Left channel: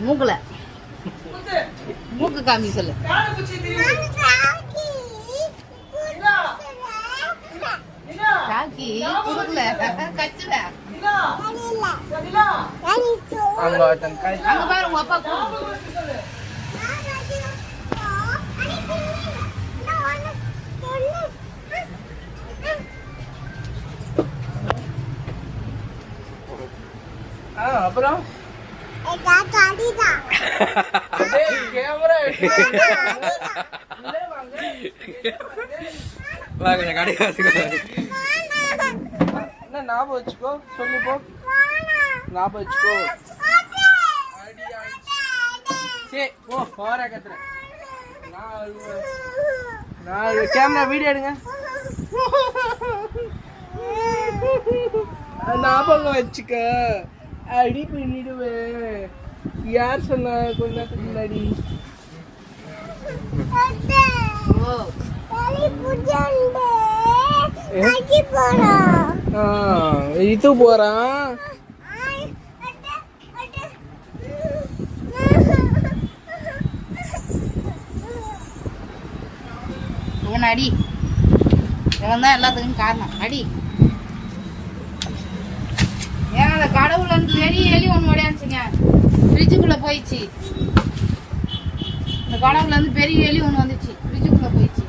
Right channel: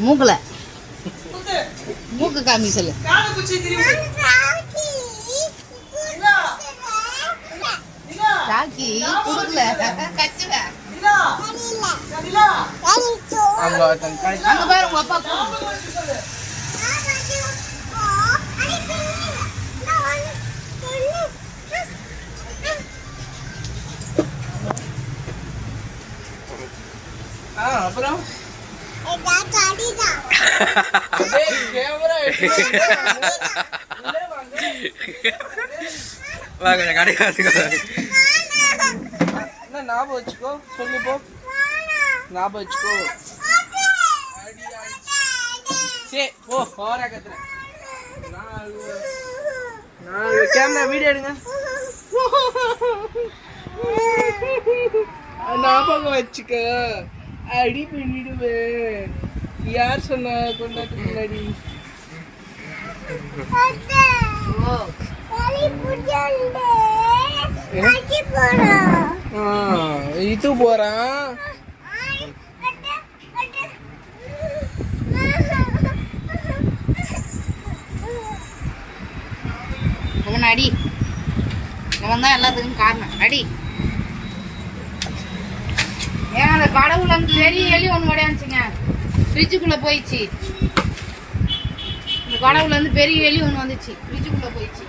மூக்குல மூக்கு காமி சொல்லு. காக்கி குடுக்கல கச்சுல அங்க பாரு உங்க அப்பா அப்புறம் கொஞ்சம் கடை ஞாபகம் வச்சுக்கோ சொல்லி போ ஞாபகம் வச்சுக்கோ சரி போ போற கத்துற கேமரா வீடியோ எடுங்க ஞாபகம் வச்சுக்க அடி பண்ணிடுவேன் யார் சொன்னா கொண்டாட்டு முன்னாடி இது போறான் அவன் அடி அவன் தான் எல்லாத்துக்கும் காரணம் அடி. ஏன் அந்த கடவுள் அந்த பெரிய எலி ஒன்று மடியாச்சுங்க ஃப்ரிட்ஜுக்குள்ள போயிடுச்சு. இந்த கடவுள் வந்து பெரிய எலி ஒன்று வந்துச்சு ஃப்ரிட்ஜுக்குள்ள போயிடுச்சு.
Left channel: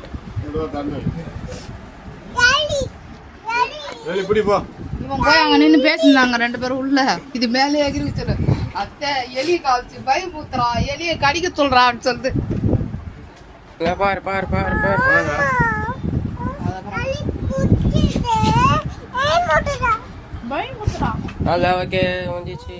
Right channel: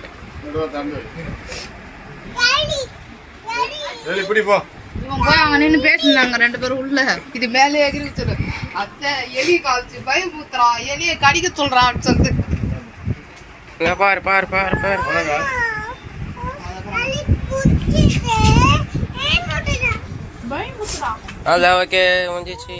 இவன் போய் அவங்க நின்று பேசினாங்க ரெண்டு பேரும் உள்ள. இது மேலே எகிரி சொல்லு அத்தை எலி காய்ச்சி பயமுத்துறா எலியை கடிக்க சொல்றான்னு சொல்லிட்டு பாரு பாரு பாரு பாரு பயமுத்துறா. அதான் ஓகே முடிஞ்சிச்சு.